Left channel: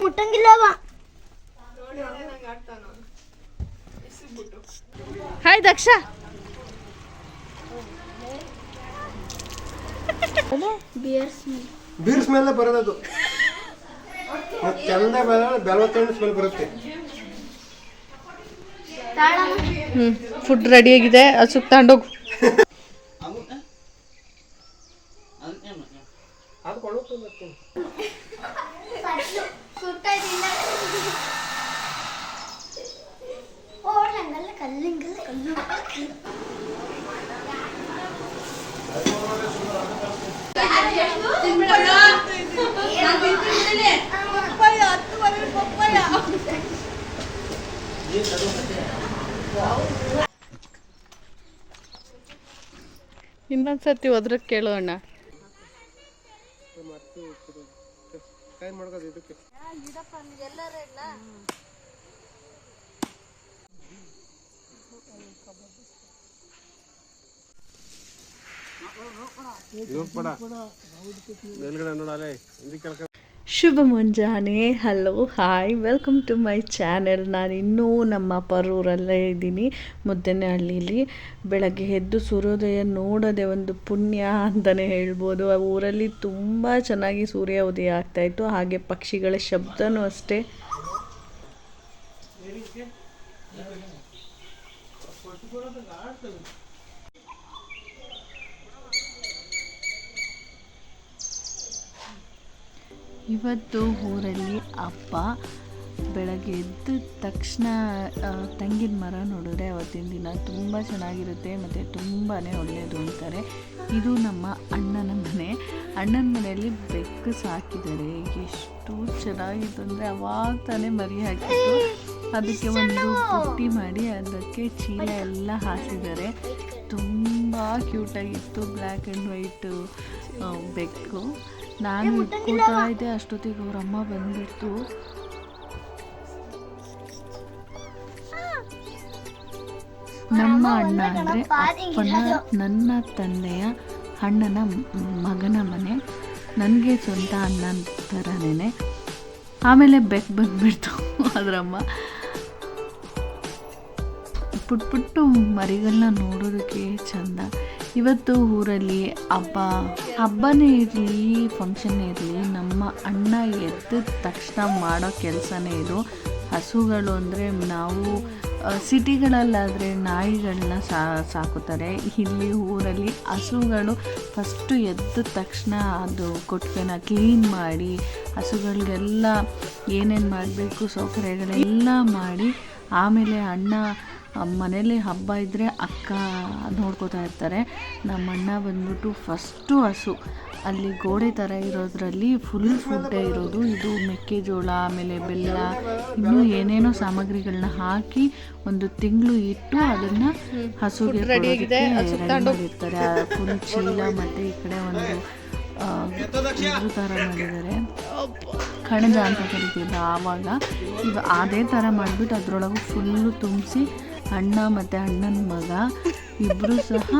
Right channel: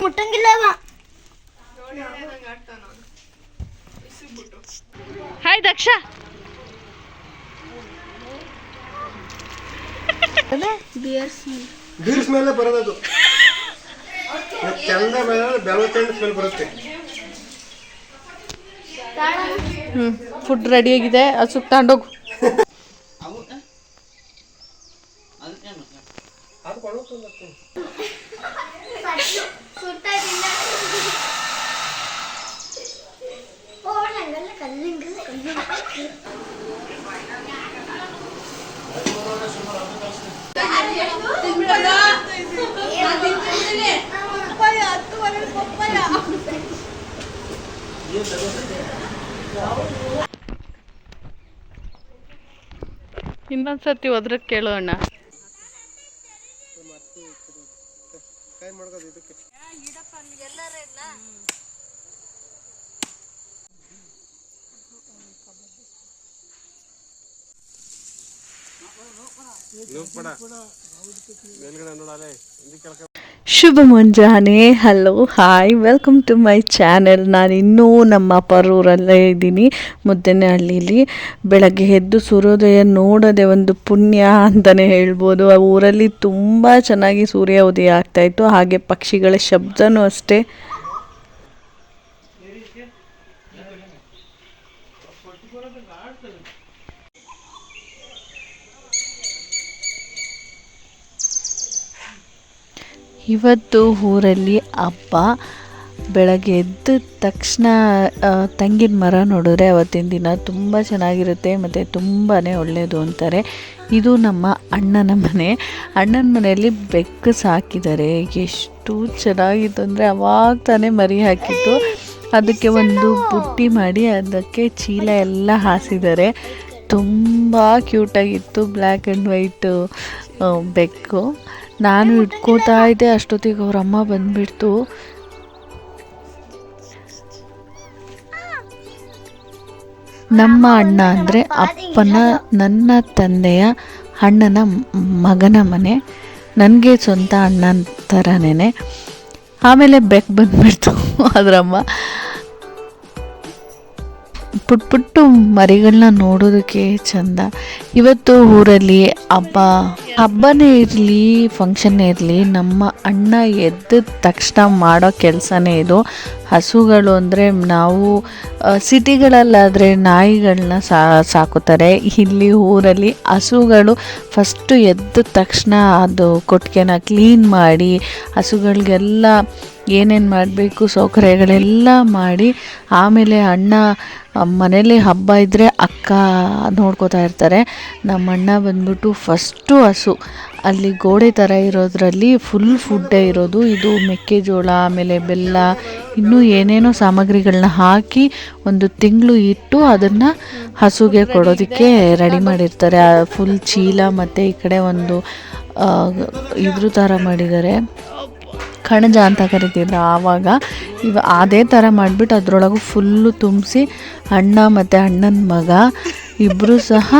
ಮುಟ್ಟಂಗಿಲ್ಲವ. Hi Daksha. Beer smell ಬರೋದು. ಚಂದ ಮೇಲೆ ಬೆಳವತ್ತಣ್ಣ ಸ್ಮೆಲ್ ಬರುತ್ತೆ. ಹ್ಞೂ ಫುಡ್ ರೆಡಿಯಾಗಿದೆ ಹಸುಕ್ ತಗೊಂಡೋಗು. ಅದು ಇನ್ನೊಂದ್ಸತಿ ಹೋದ್ರೆ ಕೇಳು ಅಣ್ಣ ಕೈ ಮಾಡ್ಕೋದು ಇದಕ್ಕೆ ಮೇಲ್ಗಡೆ ನೋಡಾಲೆ ಇದಕ್ಕೆ ಶುಭ ಮುಂಜಾನೆ. Hello hi welcome to my channel ನಾನು ಇನ್ನೂ ನಮ್ಮ ಪರೂರಲ್ಲೇ ಇದ್ದೀನಿ, ಮುದ್ದೆನಹಳ್ಳಿಲಿ. ಬೆಳಗ್ಗೆ ಎದ್ದು ಸೂರ್ಯೋದಯ ನೋಡೋದೆ ಒಂದು ಪುಣ್ಯ ಅಂತಲೇ ಹೇಳ್ಬೋದು. ಆ ಊರಲ್ಲಿ ತುಂಬ ಚೆನ್ನಾಗಿ ಸೂರ್ಯ ಉದಯ ಆಗ್ತಾಯಿತ್ತು ಹಾಗೆ ಪಕ್ಷಿಗಳ ಶಬ್ದನೂ ಅಷ್ಟೇ. ಇವತ್ತು ಊರಲ್ಲಿ ಹಬ್ಬ ಬೆಳಗ್ಗೆ ಎದ್ದ ತಕ್ಷಣ ತೆಂಗಿನ ಮರ ನೋಡಿದ್ರೆ ಅವತ್ತಿನ ದಿನ ತುಂಬ ಚೆನ್ನಾಗಿರುತ್ತೆ ಮತ್ತು ತುಂಬಾ ಒಳ್ಳೆಯದು ಅಂತಾರೆ. ಇದು ನಮ್ಮ ಅಣ್ಣನ ಮನೆ. ಅಣ್ಣನ ಮನೆಯಲ್ಲಿ ಬೆಕ್ಕು ಸಾಕಿದ್ದಾರೆ. ಎಷ್ಟು ಚೆನ್ನಾಗಿತ್ತು ಅಂದರೆ ಅವಾಗ ತಾನೇ ಮರಿ ಹಾಕಿತ್ತು ಅದಕ್ಕೆ ಒಂದು ಬುಟ್ಟಿ ಮಾಡಿ ಅದಕ್ಕೆ ಚೀಲ ಎಲ್ಲ ಹಾಸಿದ್ದಾರೆ. ತುಂಬ ಕ್ಯೂಟಾಗಿತ್ತು ಬ್ಲ್ಯಾಕ್ ಆ್ಯಂಡ್ ವೈಟು ಬೆಕ್ಕು. ನಾನು ಇಟ್ಕೋತಾ ಇದ್ದೆ, ಅಷ್ಟೊತ್ತಿಗೆ ಅವ್ರ ಅಮ್ಮ ಬಂದ್ಬಿಡ್ತು. ನಮ್ಮ ಅಣ್ಣ ಅಂದರೆ ಅಪ್ಪನ, ನನ್ನ ತಂದೆಯ ಅಣ್ಣನ ಮಗನ ಮನೆ. ನನಗೆ ಸ್ವಂತ ಅಣ್ಣನ ಥರನೇ ಆಮೇಲೆ ಬೆಕ್ ಬಂದ್ಬಿಡ್ತು ಅದರಮ್ಮ ಪುಟ್ ಪುಟ್ಟು ಮರಿಗಳನ್ನ ನೋಡೋದಕ್ಕೆ ಚಂದ. ಇವತ್ತು ಊರಲ್ಲಿ ಹಬ್ಬ. ಹಬ್ಬನೇ ಇರಲಿ ಫಂಕ್ಷನ್ನೇ ಇರಲಿ ನಮ್ಮ ಅಣ್ಣ ಎದ್ದ ತಕ್ಷಣ ಮಾಡೋ ಕೆಲಸನೇ ಇದು. ಹಸುಗಳು ಅಂದರೆ ನಾವು ಸಿಟಿಗಳಲ್ಲಾದರೆ ನಾಯಿಗಳನ್ನ ಸಾಕುತ್ತಾರೆ. ಇಲ್ಲಿ ಊರಲ್ಲಿ ಹಸುಗಳು ಫಸ್ಟು ಎದ್ದ ತಕ್ಷಣ ಅದು ಕೊಟ್ಟಿಗೆನ ಕ್ಲೀನ್ ಮಾಡಿ, ಹಸುಗಳಿಗೆಲ್ಲ ಏನೇನು ಮಾಡಬೇಕು, ಸೌಕರ್ಯಗಳೆಲ್ಲ ಮಾಡಿ, ಆಮೇಲೆ ಅಣ್ಣ ಮನೇಲಿ ಹಬ್ಬ ಇದ್ದರೆ ಅಕ್ಕ ನೋಡ್ಕೋತಾ ಇರ್ತಾರೆ. ನಮ್ಮ ಅಣ್ಣ ಬಂದ್ಬಿಟ್ಟು ಫಸ್ಟು ಹಸು. ಅಲ್ಲಿ ಗೋಡೆ ಥರ ಇರೋದ್ರಲ್ಲಿ ಫುಲ್ ಫುಡ್ಡೇ ಇರೋದು. ಇದು ಮೆಕ್ಕೆಜೋಳ, ಆಮೇಲೆ ಬೆಲ್ಲ, ಇನ್ನೂ ಏನೇನೋ ಸಾಮಗ್ರಿಗಳನ್ನ ಹಾಕಿ ಒಂದು ತಿಂಗಳು ಇಟ್ಟು ಅದನ್ನು ಹಸುಗೆ ಕೊಡೋದಕ್ಕೆ ರೆಡಿ ಮಾಡಿರ್ತಾರೆ. ಫುಲ್ ಚೀಲ ಮತ್ತು ಈ ಕಡೆ ಒಂದು ಇದ್ರ ಥರ ಮಾಡಿದ್ದಾರೆ. ಕಣಜ ಅಂತ ಕರಿತಿದ್ರು ಆವಾಗ. ಇವ, ಅದೇ ಥರ ಮಾಡಿಬಿಟ್ಟು ಅದರೊಳಗೂ ಫುಲ್ಲು ತುಂಬಿಸಿ ಅಣ್ಣ ಮತ್ತು ಅಣ್ಣನ ಮಗ ಇಬ್ಬರು ಸಹ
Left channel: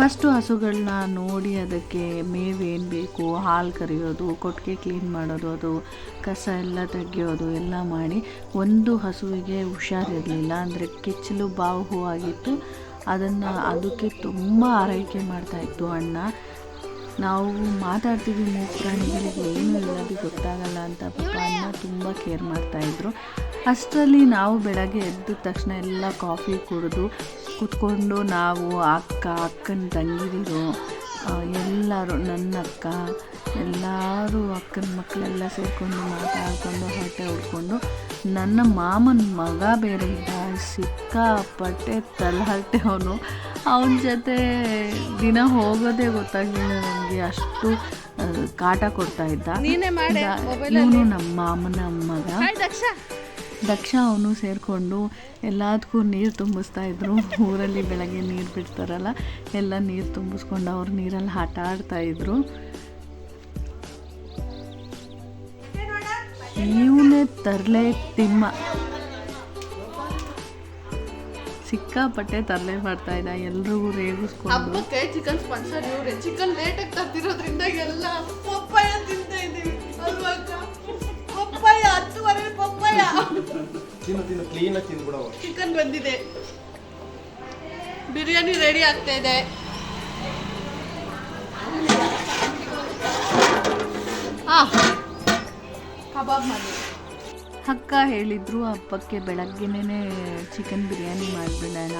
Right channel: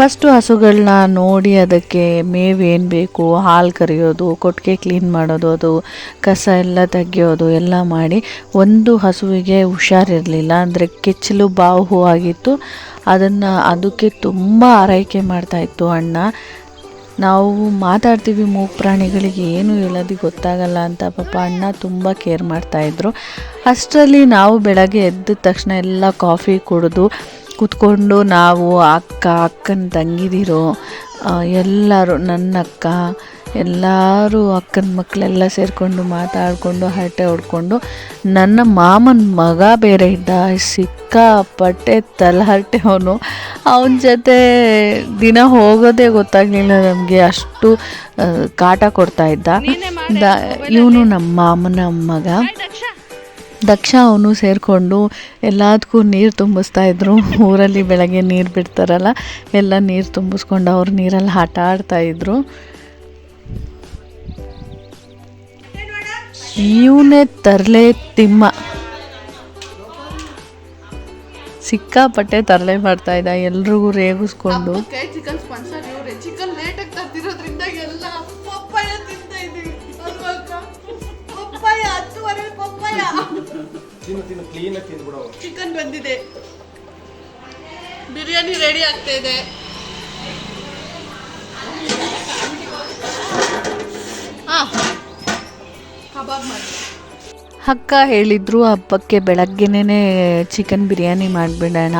ಫಸ್ಟು ಹಸುಗಳನ್ನ ನೋಡಿ ಅದಕ್ಕೆ ಮೇವು ಏನು ಬೇಕು, ಹಾಲು ಕರೆಯೋದು ಕೊಟ್ಟಿಗೆ ಕ್ಲೀನ್ ಮಾಡೋದು, ಅದು ಕಸ ಎಲ್ಲ ತೆಗೆಯೋದು, ಎಲ್ಲ ಮಾಡಿ ಒಂದು ಹಸುವಿಗೆ ಹುಷಾರಿರಲಿಲ್ಲ. ಅಂದರೆ ಕೆಚ್ಚಲು ಬಾವು ಆಗಿತ್ತು. ಅದನ್ನು ಅದಕ್ಕೆ ತುಂಬ ಆರೈಕೆ ಮಾಡ್ತಾಯಿತ್ತು ಅಣ್ಣ. ನಾವು ಮಾತಾಡ್ತೀವಿ ಮೂಗು ಪ್ರಾಣಿಗಳಿಗೆ, ಏನು ಹೇಳೋದು ಗೊತ್ತಾಗಲ್ಲ ಅಂತ. ಪಾಪ ಅಣ್ಣ ತುಂಬ ಕೇರ್ ಮಾಡ್ತಾಯಿದ್ರು ಅಷ್ಟರಲ್ಲಿ ನಾವು ಬೆಳಗ್ಗೆ ಎದ್ದ ತಕ್ಷಣ ಎಲ್ಲ ಕಾಫಿ ಕುಡಿದು ಕೂತ್ಕೊಂಡು ನಾವು ಅಕ್ಕ ಅಕ್ಕನ ತಂಗಿದಿರು ಎಲ್ಲರೂ ನನ್ನ ಅಕ್ಕ ಎಲ್ಲರೂ ಅಕ್ಕನ ಮಕ್ಕಳೆಲ್ಲ ಸೇರಿಕೊಂಡು ಮಾತಾಡಿಕೊಂಡು ಹರಟೆ ಹೊಡ್ಕೊಂಡು ನನ್ನ ಮಾಮನ ಮಗ ಬೇರೆ ಇದ್ದ ಸಿಕ್ಕಾಪಟ್ಟೆ ತಲಹರಟೆ ಅವನು. ಅವನ ಜೊತೆ ದಿನ ಹೋಗೋದೇ ಗೊತ್ತಾಗಲಿಲ್ಲ ನಮಗೆ ಅಷ್ಟು ಕಾಟ ಕೊಡ್ತಾ ಇದ್ದ. ಇವನು ನಮ್ಮ ಮಾಮನ ಮಗ. ದಕ್ಷ ಅವನು ಸೇರಿಕೊಂಡು ಎಲ್ಲದಕ್ಕೂ ನೀರು ತುಂಬಿಸ್ತಾ ಇದ್ದರು ಊರಲ್ಲಿ ಬೆಳಗ್ಗೆ ನೀರು ಬಿಡ್ತಾರಲ್ಲ, ಎಲ್ಲ ನೀರು ತುಂಬಿಸ್ಕೊಂಡು ಅವ್ರು ನೀರಲ್ಲಿ ಆಟ ಆಡ್ತಾ ಇದ್ರು. ಇವನೇ ತರಲೆ ತಿಮ್ಮ. ಸಿಕ್ಕಾಪಟ್ಟೆ ತರಲೆ ಮಾಡ್ತಾ ಇದ್ದ, ಎಲ್ರಿಗೂ ರೇಗಿಸ್ಕೊಂಡು. ಚಿಕನ್ ಸ್ಪಾನ್ಸರ್ ಇವ್ರೆ. ಚಿಕನ್ ಲೇಟ್ ಆಗಿ ತರ್ತಿರೋದ್ರಿಂದ ಎಲ್ಲ ತಿನ್ನು ತಿನ್ನು ಕ್ಲೀನಾಗಿ ತಿಂದ್ಬಿಡವ ಚಿಕನ್ ಬಂದಿದೆ. ಬಿರಿಯಾನಿ ರೆಡಿ ಆಗ್ತಾ ಇದೆ. ಆ ಕಬಾಬ್ ಮಾಡಿ. ಅಕ್ಕ ಹೇಳಿದ್ರು ಹಬ್ಬಕ್ಕೆ ಬೆಳಗ್ಗೆನೇ ಚಿಕನ್ ಬಿರಿಯಾನಿ ಮಾಡಿಬಿಡೋಣ.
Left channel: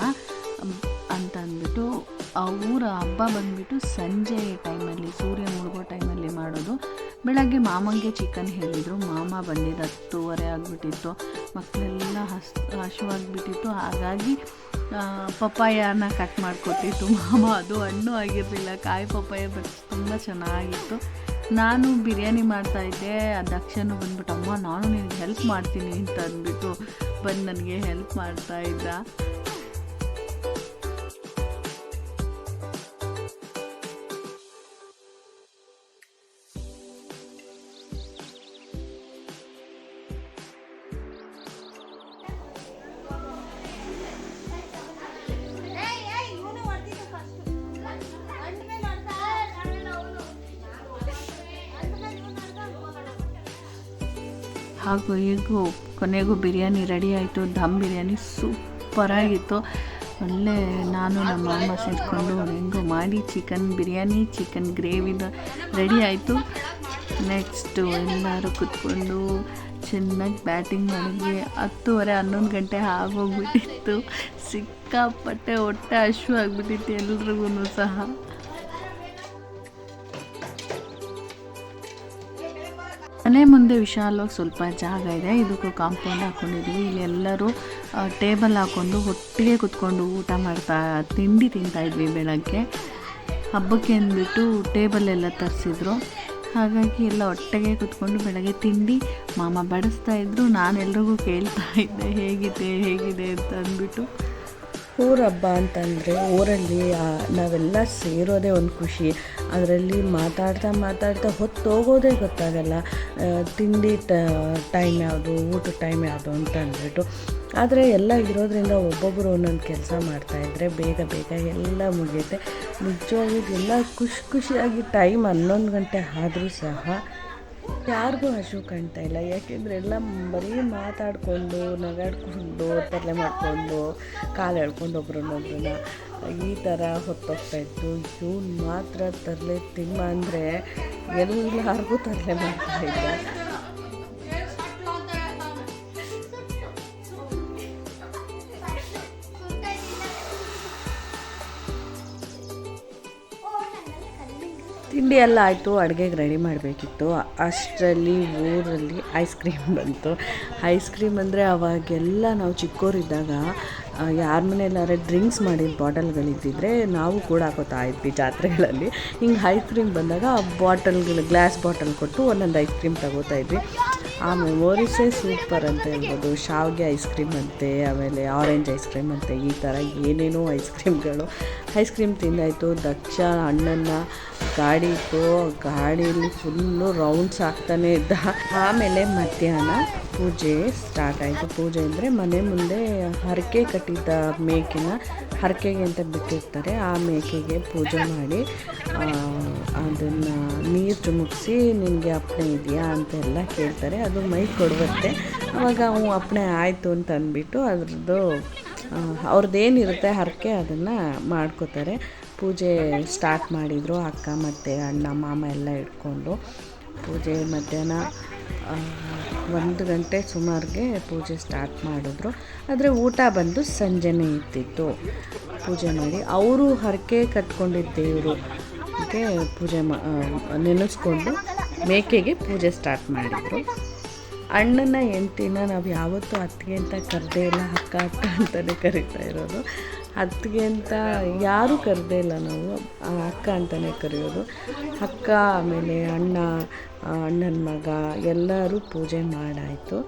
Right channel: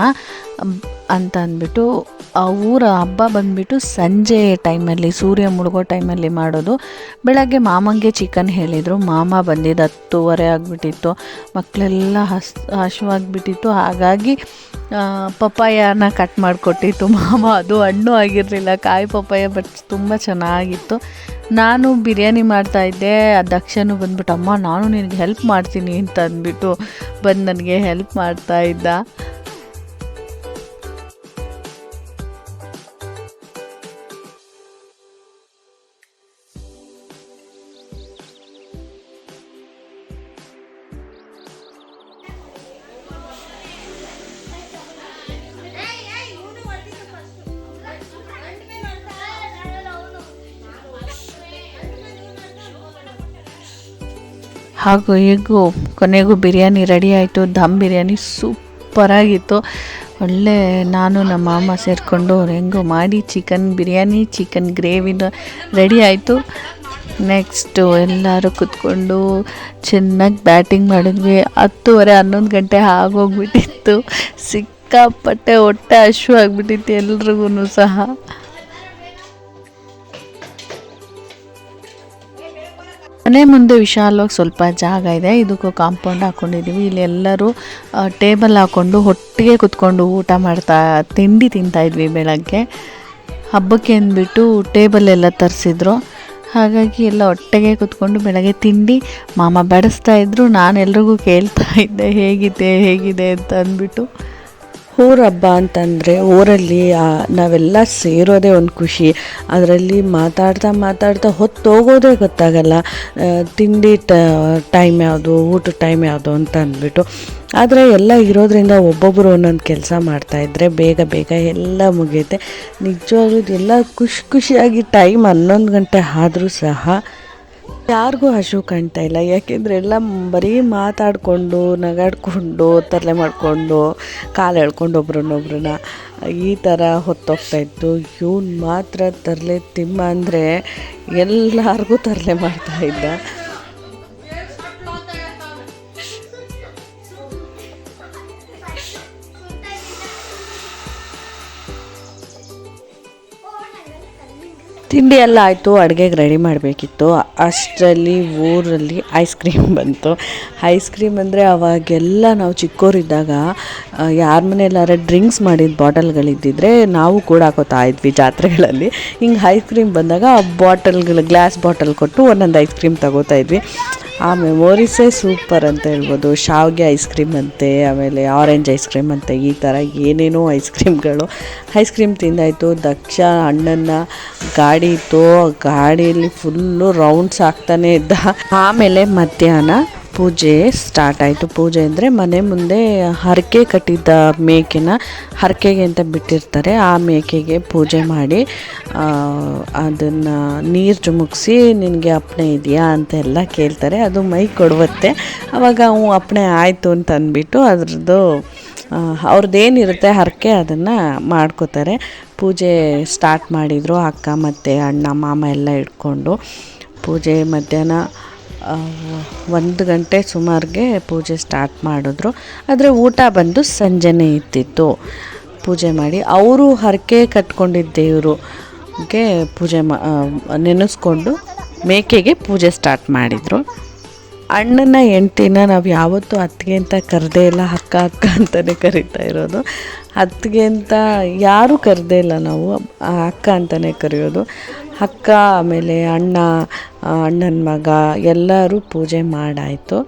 ಅಂತ ಅಂದ್ಬಿಟ್ಟು, ಆ ಊರ ಹಬ್ಬ ಬಂದ್ಬಿಟ್ಟು ಸಂಜೆ ಟೈಮಲ್ಲಿ ಸೂರ್ಯ ಮುಳುಗೋ ಟೈಮಲ್ಲಿ ಮಾಡೋದು. ಬೆಳಗ್ಗೆ ಮಾಮಂಗೆ ಚಿಕನ್ ಹೇಳಿದರು. ಮಾಮ ಬಂದಿದ್ದು ಹತ್ತುವರೆ ಆಗಿಬಿಟ್ಟಿತ್ತು. ಮಕ್ಕಳೆಲ್ಲ ಹಸ್, ಹಶ್ವಾಗಿಬಿಟ್ಟಿತ್ತು. ಹಾಗಾಗಿ ಪಪ್ಪಾಯನ ಕಟ್ ಮಾಡಿಕೊಟ್ಟಿತ್ತು. ಮಾಮ ಅದು ಹಣ್ಣು ಆಗಿರಲಿಲ್ಲ. ಕಾಯಿ ಪಪ್ಪಾಯ ಬಟ್ ತುಂಬ ಚೆನ್ನಾಗಿತ್ತು. ನಾನು ಬಿರಿಯಾನಿ ಮಾಡ್ತಾಯಿದ್ದೆ ದಕ್ಷನು ಬಂದ್ಬಿಟ್ಟು, ಅಮ್ಮ, ನಾನು ನಿನಗೆ ಹೆಲ್ಪ್ ಮಾಡ್ತೀನಿ ಅಂತ ಅಂದ್ಬಿಟ್ಟು ಬಂದು ನನಗೆ ಹೆಲ್ಪ್ ಮಾಡ್ತಾ ಹಾಗೂ ಹೀಗೂ ಕೊನೆಗೂ ಬಿರಿಯಾನಿ ರೆಡಿ ಆಯಿತು. ದಮ್ ಬಿರಿಯಾನಿ ಸೂಪರಾಗಿತ್ತು ಒಳ್ಳೆ ನಾನು ನಮ್ಮ ಮಾಮ ಸೇರಿಕೊಂಡು ಹೆಂಗೋ ಮಾಡಿ ಚಿಕನ್ ಬಿರಿಯಾನಿ, ಚಿಕನ್ ಗ್ರೇವಿನ ರೆಡಿ ಆಯಿತು. ನೆಕ್ಸ್ಟು ಎಲ್ಲರೂ ಕೂತ್ಕೊಂಡು ಚೆನ್ನಾಗಿ ಬ್ಯಾಟಿಂಗ್ ಮಾಡಿದ್ವಿ. ಹತ್ತುವರೆ, ಹನ್ನೊಂದು ಗಂಟೆ ಆಗೋಗ್ಬಿಟ್ಟಿತ್ತು. ಸಿಕ್ಕಾಪಟ್ಟೆ ಹೊಟ್ಟೆ ಹಶು ಆಗಿಬಿಟ್ಟಿತ್ತು ಎಲ್ರಿಗೂ ಸಹ. ಮನೆ ಮುಂದೆ ವಿಶಾಲವಾಗಿ ಸ್ವಲ್ಪ ಜಾಗ ಇದೆ. ಇದಕ್ಕೂ ಕಾಂಪೌಂಡ್ ಹಾಕ್ಕೊಂಡಿದ್ದೀವಿ ಇಲ್ಲಿ ಎಲ್ಲರೂ ಟೇಬಲ್ ಹಾಕ್ಕೊಂಡು ಒಟ್ಟಿಗೆ ಕುತ್ಕೊಂಡು ಊಟ ಮಾಡ್ತಾ, ತಿಂಡಿ ತಿಂತಾಯಿದ್ವಿ ಬೆಳಗ್ಗೆ. ಹಬ್ಬಕ್ಕೆ ಅಂದ್ಬಿಟ್ಟು ಟೇಬಲ್ ಎಲ್ಲ ತರಿಸಿದ್ರು. ಹಾಗಾಗಿ ಎಲ್ಲ ಒಟ್ಟಿಗೆ ಕುತ್ಕೊಂಡು ಬೆಳಗ್ಗೆ ತಿಂಡಿ, ಮಾಮ ಬಡಿಸ್ತಾ ಇದ್ರು. ನಾನು ಎಲ್ರಿಗೂ ಕೇಳ್ತಾ ಇದ್ದೆ, ಹೇಗಿದೆ ಹೇಗಿದೆ? ಅಂತ ಅಂದ್ಬಿಟ್ಟು. ಊರ ಹಬ್ಬ ಅಂತಂದರೆ ಊರಲ್ಲಿ ನಾವೆಲ್ಲ ಸೇರೋದೇ ಒಂದು ಖುಷಿ. ಅದರಲ್ಲಿ ಮಾತಾಡ್ತಾ ಮಾತಾಡ್ತಾ ಹೊತ್ತು ಹೋಗೋದೇ ಗೊತ್ತಾಗಲ್ಲ ತಿಂಡಿ ಟೈಮ್ ಯಾವುದು ಊಟದ ಟೈಮ್ ಯಾವುದು ಅಂತ ಅಂದ್ಬಿಟ್ಟು. ಆದರೆ ಎಲ್ಲ ಇರೋದ್ರಿಂದ ಒಬ್ಬೊಬ್ಬರು ಒಂದೊಂದು ಕೆಲಸ ಮಾಡ್ತಾಯಿದ್ರೆ ಬೇಗ ಬೇಗ ಎಲ್ಲ ಮುಗಿಯುತ್ತೆ. ನಿಜವಾಗ್ಲೂ ಎಲ್ಲ ಖುಷಿ ಖುಷಿಯಾಗಿ ಟೈಮ್ ಹನ್ನೊಂದು ಗಂಟೆ ಆದರೂ ಸಹ ಯಾರಿಗೂ ಹಸು ಕಾಣ್ತಾ ಇಲ್ಲ. ಯಾಕೆಂದರೆ ಎಲ್ಲ ಬರೀ ಮಾತಾಡಿಕೊಂಡು, ನಗಾಡಿಕೊಂಡು, ತರಲೆ ಮಾಡಿಕೊಂಡು, ಕಾಲು ಎಳ್ಕೊಂಡು ಒಬ್ರನ್ನೊಬ್ರನ್ನ ಈ ಥರ ಹೊತ್ತೋಗ್ತಾ ಇತ್ತು. ಇವ್ನು ಮಾತ್ರ ತರಲೆ ತಿಮ್ಮ ಅಂದರೆ ಎಲ್ಲರಿಗೂ ತರಲೆ ಮಾಡ್ತಾ ತಿಂಡಿ ಎಲ್ಲ ಆಯಿತು, ಅಡುಗೆಗೆ ರೆಡಿ ಮಾಡಬೇಕಿತ್ತು. ಅಷ್ಟರಲ್ಲಿ, ಊರಲ್ಲಿ ಐಸ್ ಕ್ರೀಮ್ ಬಂತು. ಐಸ್ ಕ್ರೀಮ್ ಅಂದರೆ ಅವಾಗೆಲ್ಲ ನಾವು ಚಿಕ್ಕವರಿದ್ದಾಗ ಯಾರ ಮನೆಯಲ್ಲಾರ ಡ್ರಿಂಕ್ಸ್ ಮಾಡಿದ ಬಾಟಲ್ಗಳಿದ್ದಿದ್ರೆ ನಾವು ಕೂಡ ಹಾಕೋತಾ ಇದ್ವಿ ಜಾತ್ರೆಗಳಲ್ಲಿ. ಹಿಂಗೆ ಐಸ್ ಕ್ರೀಮ್ ಬಂದಾಗ ಬಾಟಲ್ಗಳು ಗ್ಲಾಸ್ ಬಾಟಲ್ ಕೊಟ್ಟು ಒಂದೊಂದು ಐಸ್ ಕ್ರೀಮ್ ತಗೋತಾ ಇದ್ವಿ. ಆ ಮೆಮೊರೀಸೇ ಸೂಪರ್ ಅಂತ ಹೇಳ್ಬೋದು. ಶಾವಿಗೆ ಐಸ್ ಕ್ರೀಮ್ ಅಂತೆ, ಆಮೇಲೆ ಆರೆಂಜ್ ಐಸ್ ಕ್ರೀಮ್ ಅಂತೆ, ಈ ಥರ ಏನೇನೋ ಐಸ್ ಕ್ರೀಮ್ಗಳು. ಐಸ್ ಕ್ರೀಮ್ ತಿಂದಾಯಿತು. ದಕ್ಷ ಹಣ್ಣನ್ನು ಗಾಡಿ ಇತ್ತು. ಗಾಡಿಯಲ್ಲಿ ಫುಲ್ಲು ರೌಂಡ್ಸ್ ಆಗ್ತಾನೆ ಇದ್ದ. ಆಮೇಲೆ ಮಧ್ಯಾಹ್ನ ಪೂಜೆ ಸ್ಟಾರ್ಟ್ ಆಯಿತು. ಪೂಜೆ ಅಂದರೆ ಮನೆ ಮುಂದೆ ಹರಕೆ ಕಟ್ಟಿದ್ದ ಮೇಕೆನ ಹರಕೆಗೆ ಅಂತ ಬಿಟ್ಟಿರ್ತಾರೆ. ಆ ಮೇಕೆಗೆ ಪೂಜೆ ಮಾಡಿ ಅದನ್ನು ನೀರು ಚುಮುಕ್ಸಿ ನಿನಗೆ ಅಪ್ಪಣೆ ಇದೆಯಾ? ಅಂತ ಎಲ್ಲ ಕೇಳ್ತಾರೆ. ಅದು ಮೈ ಕೊಡುವತ್ತೆ. ಅವಾಗ ಅವು ಅಪ್ಪಣೆ ಆಯಿತು ಅಂತ ಅಂದ್ಬಿಟ್ಟು ಅದ್ರದ್ದು ಅವ್ರದ್ದೇನಿರುತ್ತೆ ಹರಕೆ ಅದನ್ನು ಮಾಡ್ಕೋತಾರೆ. ಪೂಜೆ ಸ್ಟಾರ್ಟ್ ಮಾಡಿದರು ಅಕ್ಕ ಮತ್ತು ಅಣ್ಣ, ಮಾಮ ಎಲ್ಲ ಇಟ್ಕೊಂಡು. ಪೂಜೆ ಮಧ್ಯಾಹ್ನ ಒಂದು ಗಂಟೆ ಸುಮಾರಿಗೆ ಪೂಜೆ ಸ್ಟಾರ್ಟ್ ಮಾಡಿದ್ರು. ಆದರೆ ಊಟ ಬಂದು ಸಂಜೆನೇ ಇತ್ತಿತ್ತು ಪೂಜೆ ಮಾಡಿ ಅವರು ಹರಕೆ ಕಟ್ಕೊಂಡಿದ್ದ ದೇವ್ರಿಗೆ ಪೂಜೆ ಮಾ ನೆನೆಸ್ಕೊಂಡು ಮೇಕೆಗೆ ಪೂಜೆ ಸ್ಟಾರ್ಟ್ ಮಾಡಿದರು. ಅಣ್ಣನ ಹೆಂಡ್ತಿನ ನಾವು ಯಾವತ್ತೂ ಅತ್ತಿಗೆ ಅಂತ ಕರೆದೇ ಇಲ್ಲ ಅಕ್ಕ ಅಕ್ಕ ಅಂತಲೇ ಕರಿತಾ ಇರೋದು. ಅತ್ತಿಗೆ ಅಂತ ಯಾರೂ ಕರೆದೇ ಇಲ್ಲ ನಾವು ಅಕ್ಕ ಅಂತಲೇ ಕರೆಯೋದು. ಅಕ್ಕ, ಆಮೇಲೆ ಅಣ್ಣ ಅಣ್ಣನ ಮಗ, ಎಲ್ಲರೂ ಪೂಜೆ ಮಾಡಾಯಿತು.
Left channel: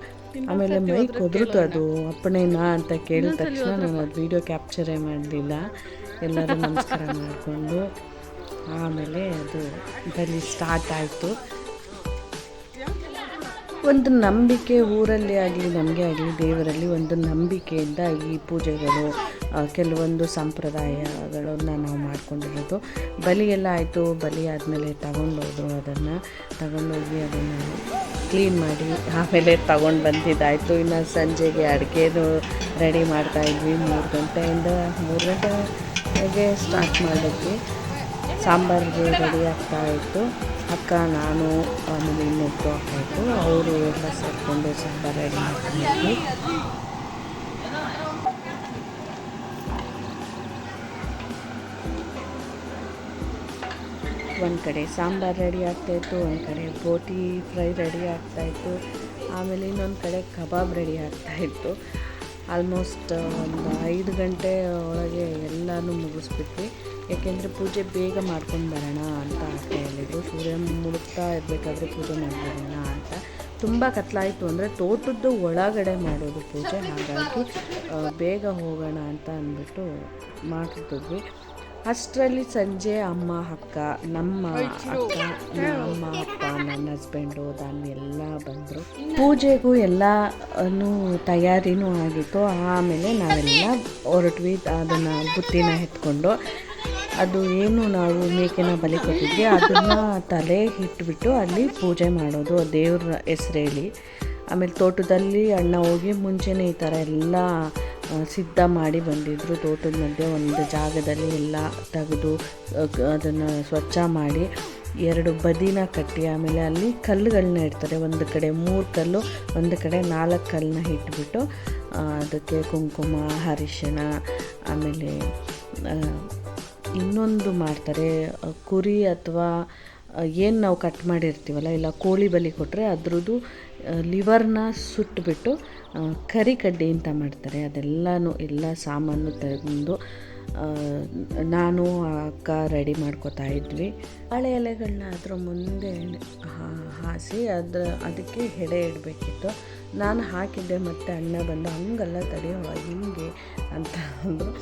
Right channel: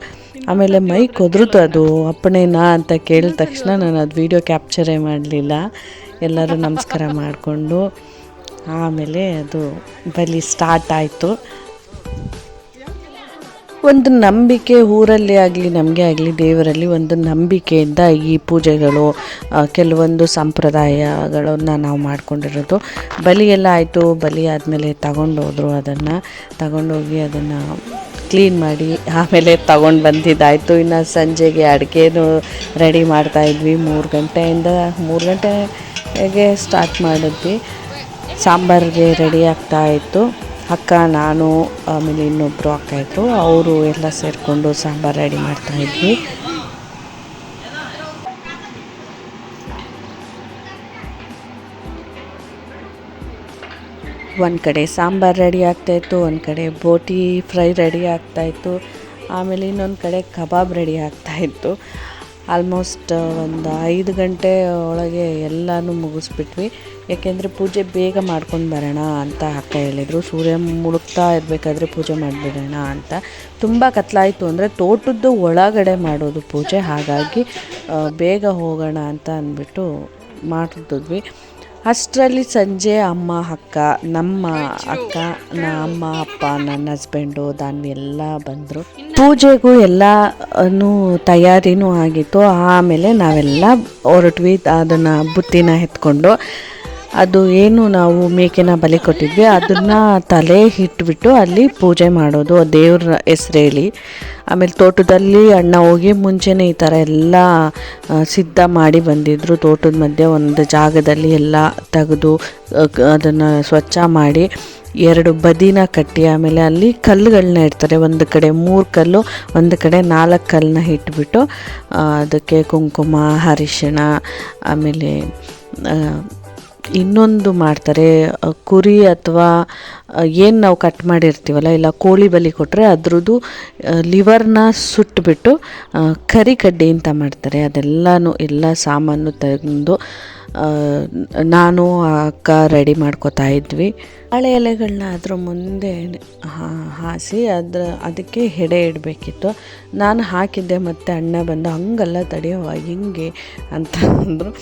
ಆಮೇಲೆ ಮೈ ಕೊದ್ರುತು ಅದು, ಅಪ್ಪಣೆನಾ ಅಂತ ಕೇಳಿದ ತಕ್ಷಣ ನಾನು ಅದು ವೀಡಿಯೋ ಕ್ಯಾಪ್ಚರೇ ಮಾಡಲಿಲ್ಲ. ಎಲ್ಲರೂ ನಮಸ್ಕಾರ ಮಾಡಿಕೊಂಡು, ಆಮೇಲೆ ಅದು ಬಲಿ ಸ್ಟಾರ್ಟ್ ಆಯಿತು. ಒಂದು ನಂಬಿಕೆ ಊರಲ್ಲಿ ಆಗಲಿ, ನಮಗೆ ಆಗಲಿ, ದೇವರಲ್ಲಿ ಒಂದು ನಂಬಿಕೆಯಿಂದ ಈ ಪೂಜೆಗಳು ಕೆಲವೊಂದು ಸಂಪ್ರದಾಯಗಳನ್ನು ನಾವು ಮಾಡಿಕೊಂಡಿರೋದು. ಬಲಿ ಎಲ್ಲ ಆಯಿತು, ಬಲಿ ಆದಮೇಲೆ ತಗೊಂಡೋದ್ರು ಅದನ್ನು. ತಗೊಂಡೋಗಿ ಅದನ್ನು ಕ್ಲೀನ್ ಮಾಡಿ ಆಮೇಲೆ ತಗೊಂಡು ಬಂದಿದ್ದಾಯಿತು. ಇನ್ನು ಸಂಜೆಗೆ ಅಡುಗೆನೂ ರೆಡಿ ಮಾಡ್ತಾಯಿದ್ವಿ ಮೂರು ಗಂಟೆಯಿಂದ, ಮೂರು ಗಂಟೆಗೆ ಸ್ಟಾರ್ಟ್ ಮಾಡಿದ್ವಿ. ಸಾಂಬಾರಿಗೆ ರೆಡಿ ಆಗ್ತಾಯಿತ್ತು ಅಕ್ಕ, ನಾನು, ಆಮೇಲೆ ಇನ್ನೊಬ್ಬರು ಅಕ್ಕ ಇದ್ದರು ಅವರು ಎಲ್ಲ ಸೇರಿಕೊಂಡು ಸಾಂಬಾರು ರೆಡಿ ಮಾಡ್ತಾಯಿದ್ವಿ ಒಂದು ಕಡೆ ಸಾಂಬಾರು ರೆಡಿ ಆಗ್ತಾಯಿತ್ತು ಒಂದು ಕಡೆ ಬೋಟಿ ಫ್ರೈ ರೆಡಿ ಆಗ್ತಾಯಿತ್ತು ಆಮೇಲೆ ಇನ್ನೊಂದು ಕಡೆ ಕಬಾಬ್ ರೆಡಿ ಆಗ್ತಾಯಿತ್ತು ಆಲ್ಮೋಸ್ಟ್ ಒಂದು ಐದು ಗಂಟೆ ಒಳಗೆ ಎಲ್ಲನೂ ಮುಗಿಸ್ಬಿಟ್ವಿ. ಯಾಕೆಂದರೆ ಪೂಜೆ ಬೇಗ ಮಾಡ್ಕೊಂಡು ಬರೋಣ ಅಂತ ಅಕ್ಕ ಹೇಳಿದರು. ಸೂರ್ಯ ಮುಳುಗ್ತಾ ಇರಬೇಕಾದ್ರೆ ಪೂಜೆ ಮಾಡಿಬಿಡೋಣ ಅಂತ. ತುಂಬ ಕತ್ಲಾಯಿತು ಅಂದರೆ ತೋಟದ್ದು ಒಳಗಡೆ ಮಾಡೋದು ಪೂಜೆ. ಹಾಗಾಗಿ ಬೇಗ ಹೋಗೋಣ ಅಂತ ಅಂದ್ಬಿಟ್ಟು ಮಾಡಿದ್ವಿ ಅಷ್ಟರಲ್ಲಿ ಸಂಜೆ ಅಮ್ಮ ಅಕ್ಕ ನಮ್ಮ ಅಕ್ಕ ನಮ್ಮ ಅಪ್ಪ ನನ್ನ ಹಸ್ಬೆಂಡು ದಾನ್ವಿ ಎಲ್ಲ ಬಂದರು. ಪೂಜೆಗೂ ಎಲ್ಲನೂ ತಯಾರಿನೂ ಆಗಿತ್ತು. ಆಮೇಲೆ ನಾವೆಲ್ಲ ಹೊರಟ್ವಿ ಅದನ್ನು ಬುತ್ತಿನ ಎತ್ಕೊಂಡು. ಅದು ಏನು ನಾವು ಮೇಕೆನ ಬಲಿ ಕೊಟ್ಟಿದ್ವಿ, ಅದನ್ನು ತಲೆ ಇಟ್ಬಿಟ್ಟು ಅಲ್ಲಿ ಪೂಜೆ ಮಾಡೋದು ದೇವ್ರ ಹೆಸ್ರು ಹೇಳಿ ಆಮೇಲೆ ತೋಟದಲ್ಲಿ ಅಣ್ಣ ಹೋಗಿ ಮುಂಚೆನೇ ಈ ಥರ ಎಲ್ಲ ಸಿದ್ಧ ಮಾಡಿ ಬಂದಿದ್ದರು ತೋಟದ ಮಧ್ಯೆ ಒಂದು ಜಾಗದಲ್ಲಿ ಎಲ್ಲ ತೆಗೆದು ಅದನ್ನು ಸ್ವಚ್ಛ ಮಾಡಿ ಎರಡು ಬದಿನ ಕಟ್ಟಿ, ಆಮೇಲೆ ಅಲ್ಲಿ ಕಲ್ಲುಗಳನ್ನ ಇಡ್ತಾರೆ. ಒಂದು ಕಡೆ ಮೂರು ಕಲ್ಲು, ಒಂದು ಕಡೆ ನಾಲ್ಕು ಕಲ್ಲನ್ನ ಇಟ್ಬಿಟ್ಟು ಅದಕ್ಕೆ ಕುಂಕುಮ, ಅರಿಶಿಣ, ಆಮೇಲೆ ಇನ್ನೊಂದು ಮಾಡ್ತಾರೆ ಕುರಿ ಅಥವಾ ಏನು ನಾವು ಕಟ್ ಮಾಡಿರ್ತೀವಲ್ಲ, ಇಲ್ಲ ಕೋಳಿ ಬಲಿ ಕೊಟ್ಟರೆ ಅದ್ರದ್ದು ಲಿವರ್ನ ಸುಟ್ಟುಬಿಟ್ಟು ಕರಿ ಕಡ್ಡಿ ಅಂತ ಮಾಡ್ತಾರೆ. ಅದೆಲ್ಲನೂ ಎಲ್ಲ ಸಾಮಾನು ತಂದು ನಾನು ಅಕ್ಕ ರೆಡಿ ಮಾಡ್ಕೋತಾ ಇದ್ವಿ. ಹಳೆ ಎಲೆಗಳನ್ನ ಅದ್ರ ಮುಂದೆ ಹಾಸಿ ಅದ್ರ, ಅದಕ್ಕೆ ಹೆಡೆ ಇಡಬೇಕಿತ್ತು. ನಾನು ಹಾಕಿದ್ದೆ ಮತ್ತು ಅಣ್ಣ ಬಂದು, ಹಂಗಲ್ಲ ತಡೆಯುವ ಹಿಂಗೆ ಅಂತ ಅಂದರು.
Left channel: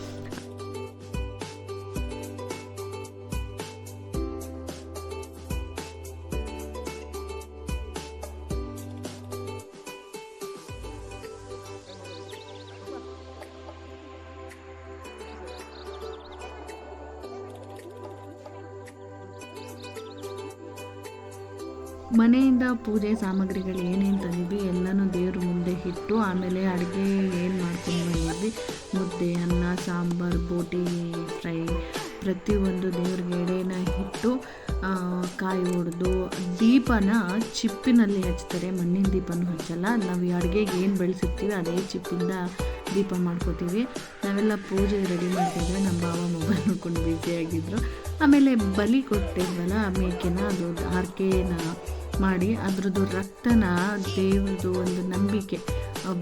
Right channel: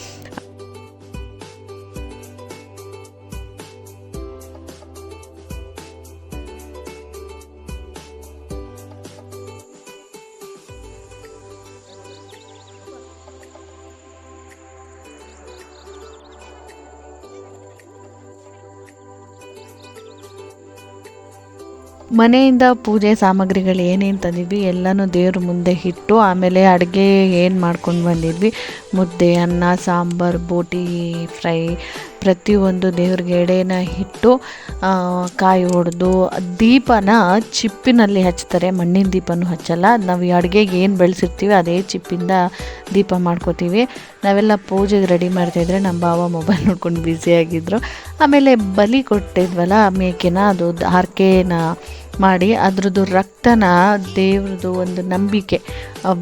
ಮನೆಯಿಂದ ಪೂಜೆ ಸಾಮಗ್ರಿಗಳು ಏನೇನು ತಂದಿದ್ವಿ, ಎಲ್ಲನೂ ದೇವ್ರ ಮುಂದೆ ಇಟ್ಟು ಆಮೇಲೆ ಅಡುಗೆ ಏನು ಮಾಡ್ಕೊಂಡು ಬಂದಿದ್ವಿ, ಮುದ್ದೆ, ಅನ್ನ, ಸಾಂಬಾರು, ಬೋಟಿ, ಫ್ರೈ, ಪ್ರತಿಯೊಂದು ದೇವ್ರಿಗೆ ಎಡೆನ ಇಟ್ಟು ಕಾಯಿ ಹೊಡೆದು ದೀಪನ ಚಿಪ್ಪಿನಲ್ಲಿ ಹಚ್ತಾರೆ, ಮಣ್ಣಿನ ದೀಪನೂ ಹಚ್ಚಲ್ಲ. ನಾವು ಈ ಅಡುಗೆಗೆ ಏನು ಬೆಳೆಸಿರ್ತೀವಿ, ಅದೇ ಚಿಪ್ಪಿಂದ ದೀಪ ಮಾಡ್ಕೋತೀವಿ. ನಾವೆಲ್ಲ ಪೂಜೆಗೆ ರೆಡಿ ಮಾಡ್ತಾಯಿದ್ರೆ ನಮ್ಮ ಭಾವ ಮೊಬೈಲ್ ನೋಡ್ಕೊಂಡು ಬ್ಯುಸಿಯಾಗಿದ್ದರು ಆಮೇಲೆ ಬಲಿ ಕೊಟ್ಟಿದ್ವಲ್ಲ ಮೇಕೆನ, ಅದು ಹರಕೆನ ಮಾಡಿ ಅದ್ರದ್ದು ರಕ್ತನ ದೇವ್ರದ್ದು ಒಂದು ನಂಬಿಕೆ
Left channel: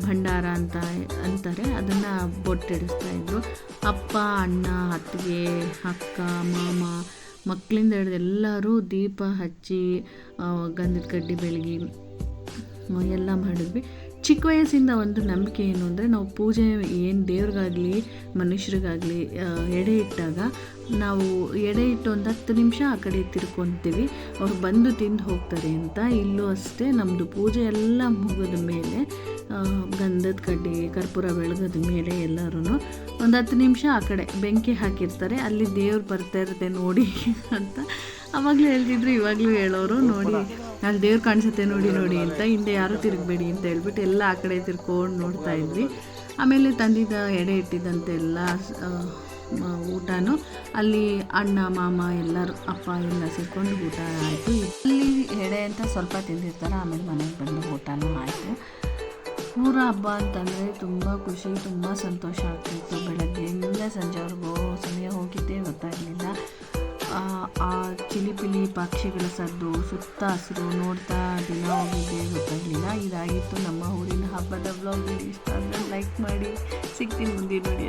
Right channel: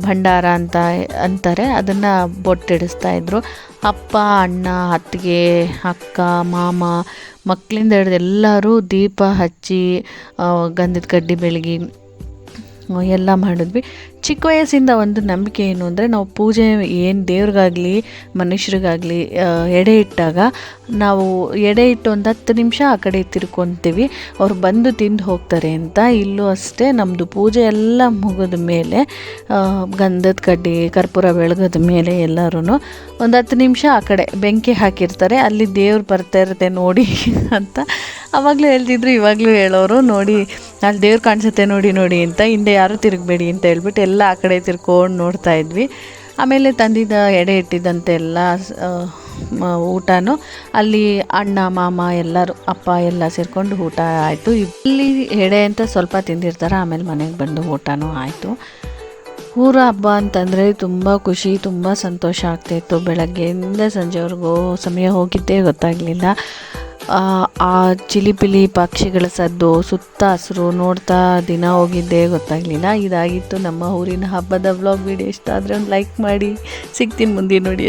ಭಂಡಾರ ಅಂತ ಅಂತಾರೆ. ಅದನ್ನು ಬೊಟ್ಟಿಡಿಸ್ತಾ ಇದ್ರು. ಅಪ್ಪ, ಅಣ್ಣ, ಅತ್ತಿಗೆ, ಅಕ್ಕ, ಮಾಮ ಮಕ್ಕಳಿಂದ ಹಿಡಿದು ಎಲ್ಲರೂ ದೀಪ ಹಚ್ಚಿ ಗಂಧದ ಕಡ್ಡಿ ಬೆಳಗಿ ಎಲ್ಲ ಮಾಡಿದ್ವಿ. ಚಿಕ್ಕ ವಯಸ್ಸಿಂದ ಒಂದು ನಂಬಿಕೆ ಏನು ಅಂದರೆ ನಾವು ಪೂಜೆ ಏನು ದೇವ್ರಿಗಾಗಲಿ, ಮನುಷ್ಯರಿಗಾಗಲಿ ಎಡೆ ಇಟ್ಟಾಗ ನಾವು ಎಡೆ ಇಟ್ಟು ಒಂದು ಹತ್ತು ನಿಮಿಷ ಆ ಕಡೆ ತಿರ್ಕೊತೀವಿ. ಅವ್ರು ಬಂದು ತಿಂದು ಹೋಗ್ತಾರೆ ಅಂತ. ಇಲ್ಲೂ ಅಷ್ಟೇ ನಮ್ಮದು ಪೂಜೆ ಎಲ್ಲ ಮುಗಿದ ಮೇಲೆ ಗಂಧದ ಕಡ್ಡಿ, ಕರ್ಪೂರ ಬೆಳಗದ ಮೇಲೆ ಎಲ್ಲರೂ ಒಂದು ಹತ್ತು ನಿಮಿಷ ಆ ಕಡೆ ಬೆಂಕಿ ಹಾಕಿರ್ತಾರೆ. ಅಲ್ಲಿ ದೇವ್ರು ಬರ್ತಾ ಇರುತ್ತೆ ನೋಡಿ ಅಂತ. ಅವಾಗಲೂ ಹೇಳ್ತಿದ್ರು, ಇವಾಗಲೂ ಹೇಳೋರು ನೋಡಿ, ಅಲ್ಲಿ ದೇವ್ರು ಕಾಣಿಸುತ್ತೆ ನೋಡಿ ನೋಡಿ ಅಂತ. ಹಿಂದೆ ಯಾರು ತಿರುಗಬೇಡಿ ಅಂತ ಹೇಳ್ಬಿಟ್ಟು ಎಲ್ಲ ಆ ಕಡೆ ತಿರ್ಕೊಂಡು ನೋಡ್ತಾ ಇದ್ವಿ. ಆಮೇಲೆ ತಂದಿದ್ದ ಎಡೆ ಇಟ್ಟಿದ್ದಂತೆ ಎಲ್ಲ ಊಟನೂ ಅಲ್ಲಿ ಅಣ್ಣ, ಮಾಮ ಎಲ್ಲರೂ, ಅಪ್ಪ ಎಲ್ಲ ಸೇರಿಕೊಂಡು ಊಟ ಆಯಿತು. ಇಲ್ಲಿ ಎಡೆ ಅಂತ ಸ್ವಲ್ಪ ತಿಂದಿರ್ತಾರೆ, ಆಮೇಲೆ ಮನೆಗೆ ಬಂದು ಊಟನೂ ಆಯಿತು. ಊರ ಹಬ್ಬ ಅಂತಂದರೆ ತುಂಬ ಖುಷಿ, ತುಂಬ ಸಂತೋಷ ಆಗ್ತಾಯಿತ್ತು ಬೆಳಗ್ಗೆಯಿಂದ ಸಂಜೆವರೆಗೂ ಸಮಯ ಹೋಗಿದ್ದೇ ಗೊತ್ತಾಗಲಿಲ್ಲ. ಆ ಚಿಲಿಪಿಲಿ ಪಕ್ಷಿಗಳ ಸದ್ದು ಸುತ್ತ ಹಸಿರು ನೋಡ್ತಾ ದಿನ ಹೋಗಿದ್ದೆ ಗೊತ್ತಾಗಲಿಲ್ಲ. ಇದಾಗಿತ್ತು ನಮ್ಮ ಊರಿನ ಹಬ್ಬದ ವ್ಲಾಗ್ ವಿಡಿಯೋ ಇಷ್ಟ ಆದರೆ ಲೈಕ್ ಮಾಡಿ. ಸಿಗ್ತೀನಿ ಮುಂದೆ ನೋಡಿ.